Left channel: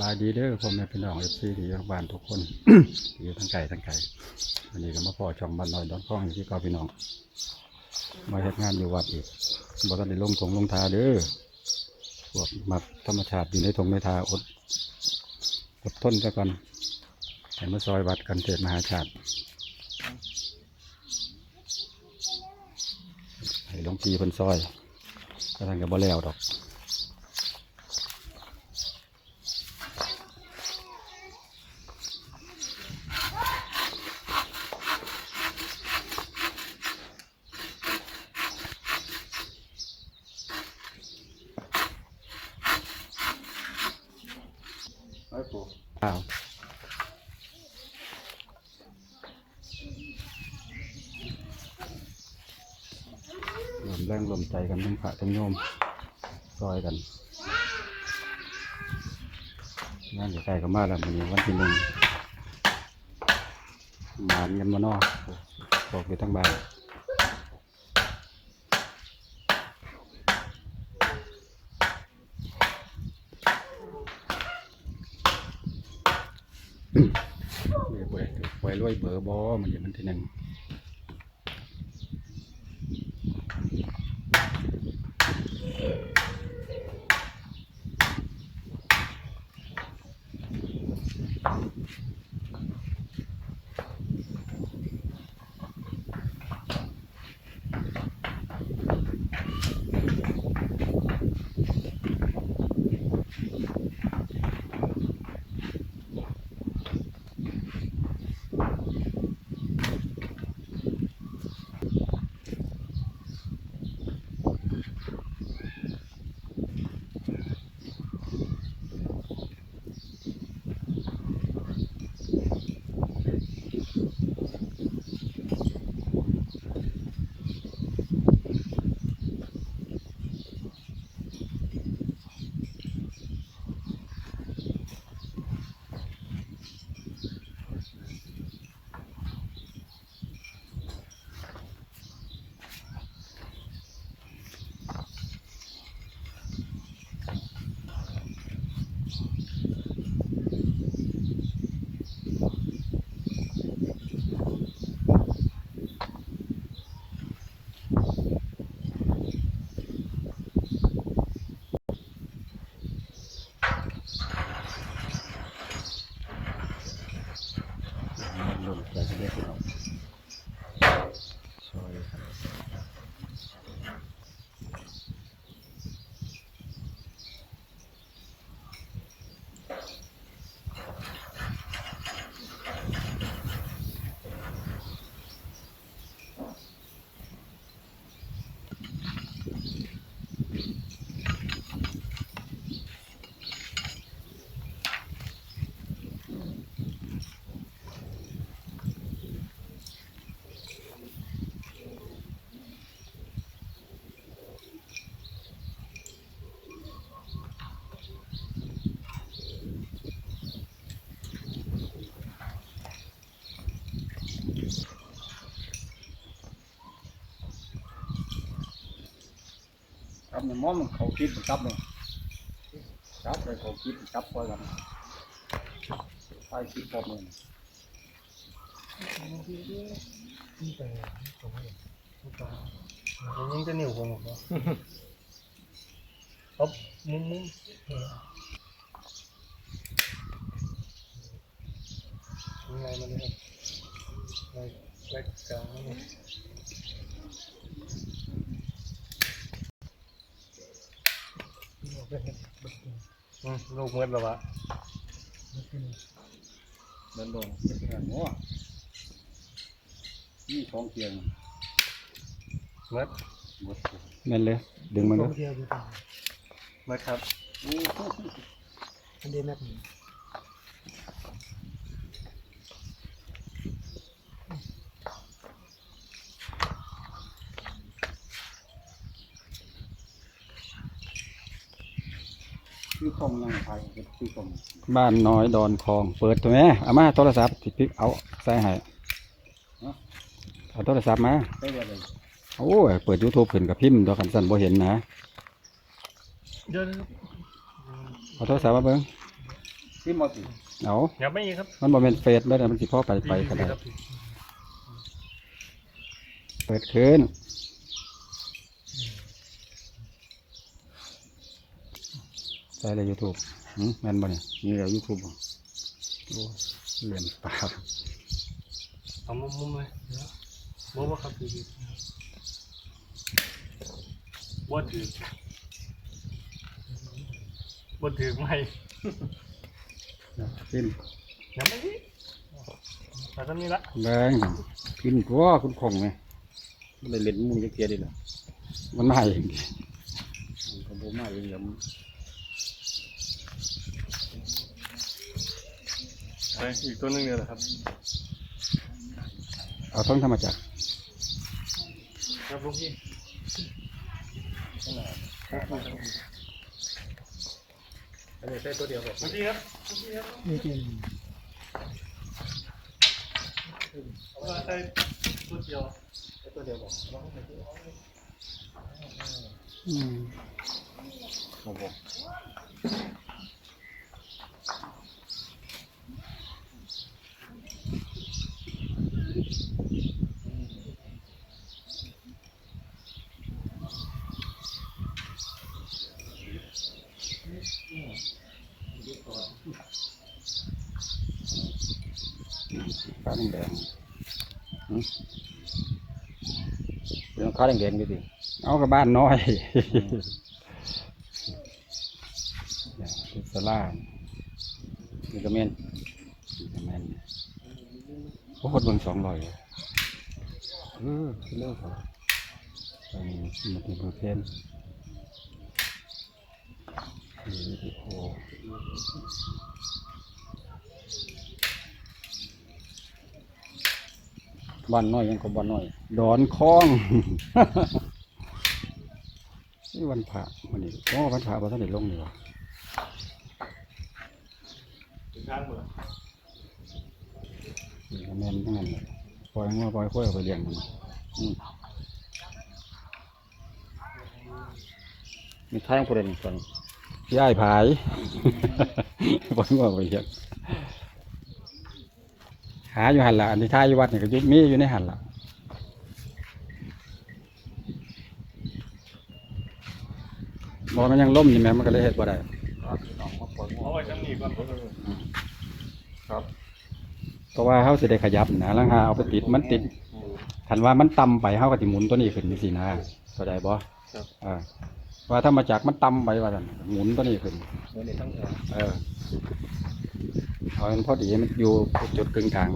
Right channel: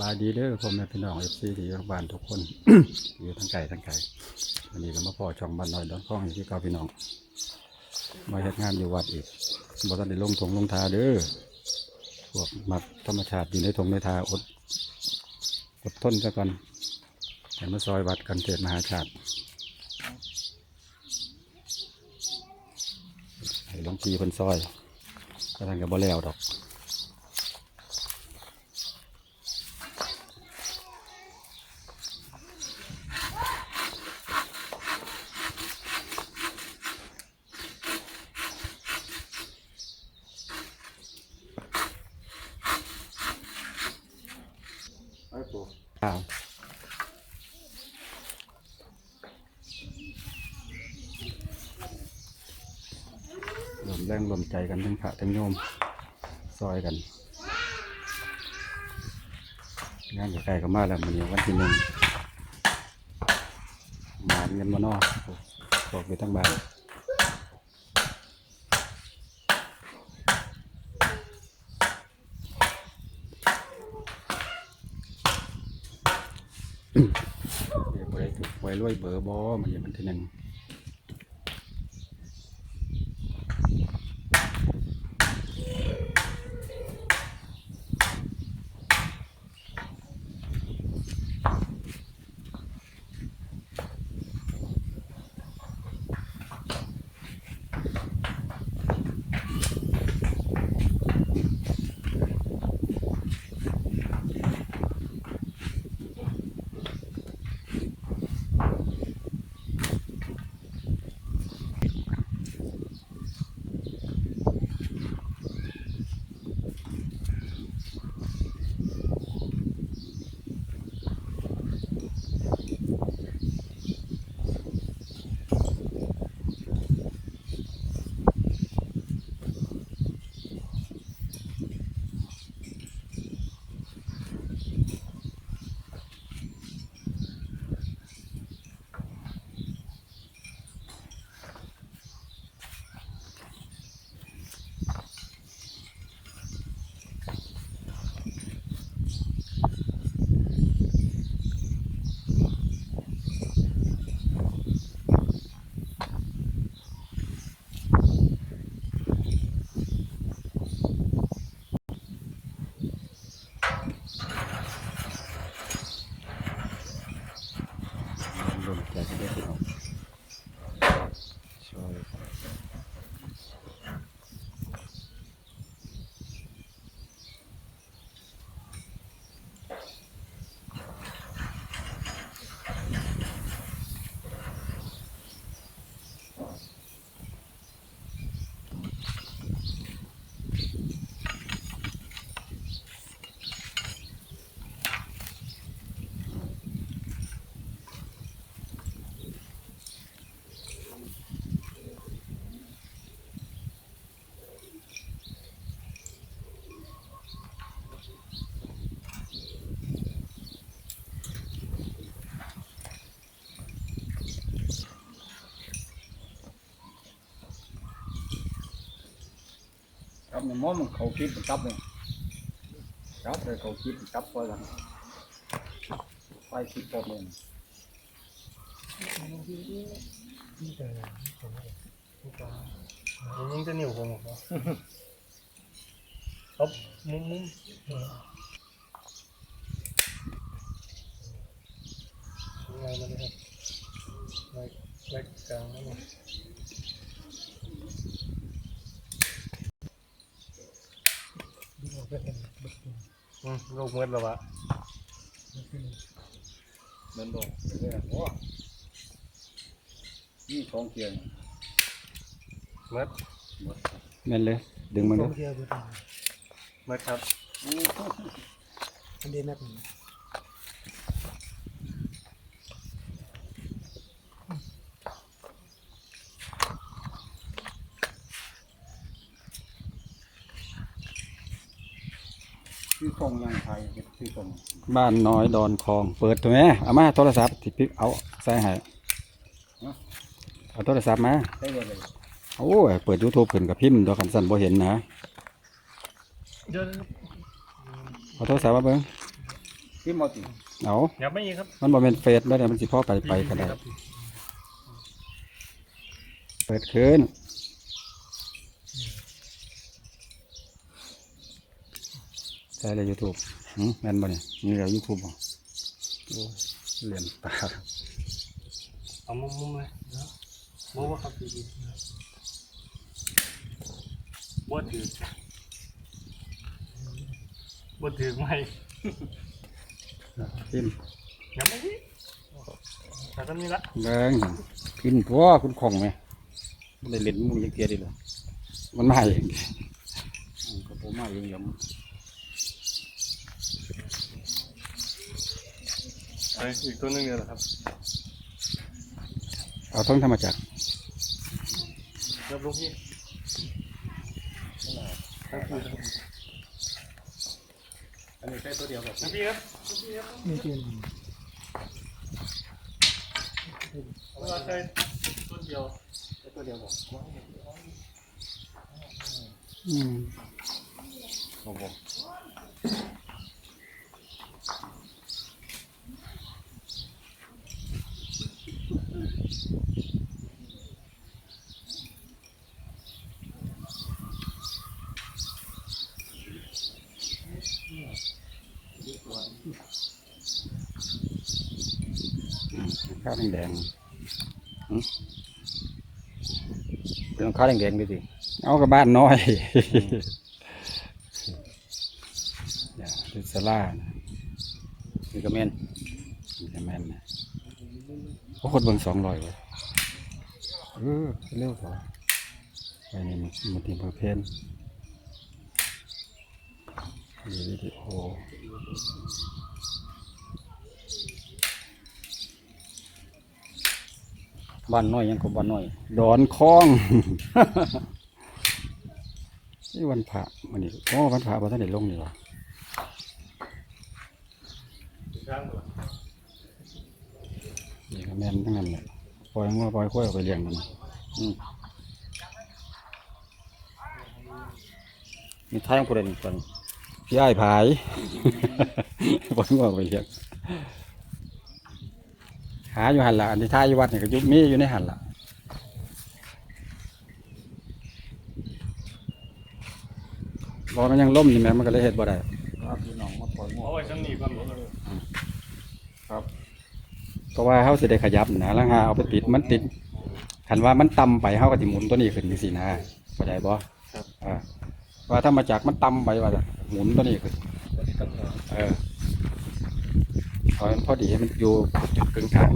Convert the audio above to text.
บายดีเด้อพ่อแม่พี่น้องเอฟซีที่อยู่ทางบ้านทุกคนที่อยู่ทั้งไก่ทั้งไก่วันนี้ก็มาพ่อช่องบ้านน้อยดอนข้องอยู่ที่เก่าพี่น้อง มาเฮ็ดงานอยู่วัดอีกบ่ทันได้ลงทงลงทาเด้อพวกมักธรรมชาติอยู่ในทงในทาอดอดทนซะก่อนให้มาซอยวัดกันเทศมหาชาติให้หลวงพี่เพิ่นซอยก็ทางกับบ่แล้วดอก อ้ปู่าวรวมแรงรวมใจกันทั้งพระทั้งโยมซอยกันงานใกล้ๆก็มาแล้วมันนี้วันที่หนึ่งมานกันมานอบอกไปทั้งบ้าน เดี๋ยวไปถูกไว้รวยเบอร์บอมันอย่างมันทีหนึ่ง รวมใจกันด้วยพี่น้อก ครับมันมอมันเขาคิดมันับเลยจับเลยเขาคิดมันจับพอยังไปคิดพอมันนี่แต่ผมไม่รู้จักผมยังจะเหนียวผมหรอครับมุ้งมุ้งยังไงมาเลยครับไล่ไล่กลางมาเลยอืมลูกเมื่อแล้ววะมันบอกเป็นไงโอ้นี่ของเกียงเมื่อหมดแม่นเลย ดึงมันสก็องเที่ยวดูตาเมื่อครับ อันเดียแม็กนี่ ชื่อตรงยังไงชื่อตรงบ้านน้อยดอนคลอง เปิดตัวแม่เอามาโทรศัพท์ที่พิกเอาใส่ให้เอาโทรศัพท์มาได้เลยเลยโอ้ยเปิดยูทูบขึ้นกับพิมพ์ตัวกันสั่นบ่เห็นนะเดี๋ยวนะครับเอาโทรศัพท์มาเบิ่งที่มอติเอาอย่าไม่อีกครับมันบ่แม่นเฟซแล้วเดี๋ยวมันสิพอไปไปก็ได้ครับเปิดคืน ใช่เลย YouTube หืมแม่นบ่เนี่ยนี่แล้ว YouTube บ่โอ้ยเหรียญตาเอามุมมุมเลยนะมุมว่าครับพี่บ่ถือบ่ถือไม่ขึ้นอย่าไม่อีกแต่ก็นี่ละแรงหั่นขึ้นตัวคุณคงไหมได้เล่นมึงยังเกียร์ได้เลยมันมาเองก็บ่มาเองแล้ว ไป อีกตัวหนึงเนี่ยแหละครับเอาทั้งธรรมจักรครับลูกพี่อันนี้ใช้ตัวเดียวบอกลูกพี่ครับลูกพี่ครับนี่คือเอาเวลาใช้ตัวเดียวใช้ตัวเดียวบอกอืมบอกบอก ข้าวแดงๆหืมเป็นข้าวแดงๆดิสิเอากับบ้านน้อยเนี่ยเป็นสลานี่ก็แม่นนี่ก็แม่นนะโอ้คนเบิ่งสองร้อยวะเออเร็วกว่าไปนี่มันตีเบอร์เพนมีวิดีโอ บ้านน้อยยังก็บ้านน้อย ดอนคลองนี่วันพระมันนี่โอ้วันพระวันท่านได้ลงนี่วะถึงข้างหมดละนี่ก็แม่นทั้งนั้นเลยปล่อยงัวปล่อยข้อยเอาไปเลี้ยงมันอืมมีแท่งประเด็นอีกคนย่ายผายปล่อยงัวเอาไปเลี้ยงหาอยู่หันละอันที่ท่ายอยู่วัดเนี่ยก็อยุบมีอยู่ในหันละบอกมันยังล่มอยู่ไหมมันก็เลยเห็ดบ่ได้พี่น้องมาปล่อยเอาไว้ข้างนี้ก่อนผมครับเพราะว่าเขาสิได้ขยับนะแล้วหาเอาไปติดมันติดคันว่ามันต่ำไปเขาก็สิหมุนตัวนี้ขึ้นนี่สินะเข้าใจบ่อ่าว่าถ้ามาจากมันต่ำไปว่าซั่นหมุนตัวนี้ขึ้นตัวนี้ตั้งแต่เออ พอมันพอดีมันอยู่จุดกึ่งกลาง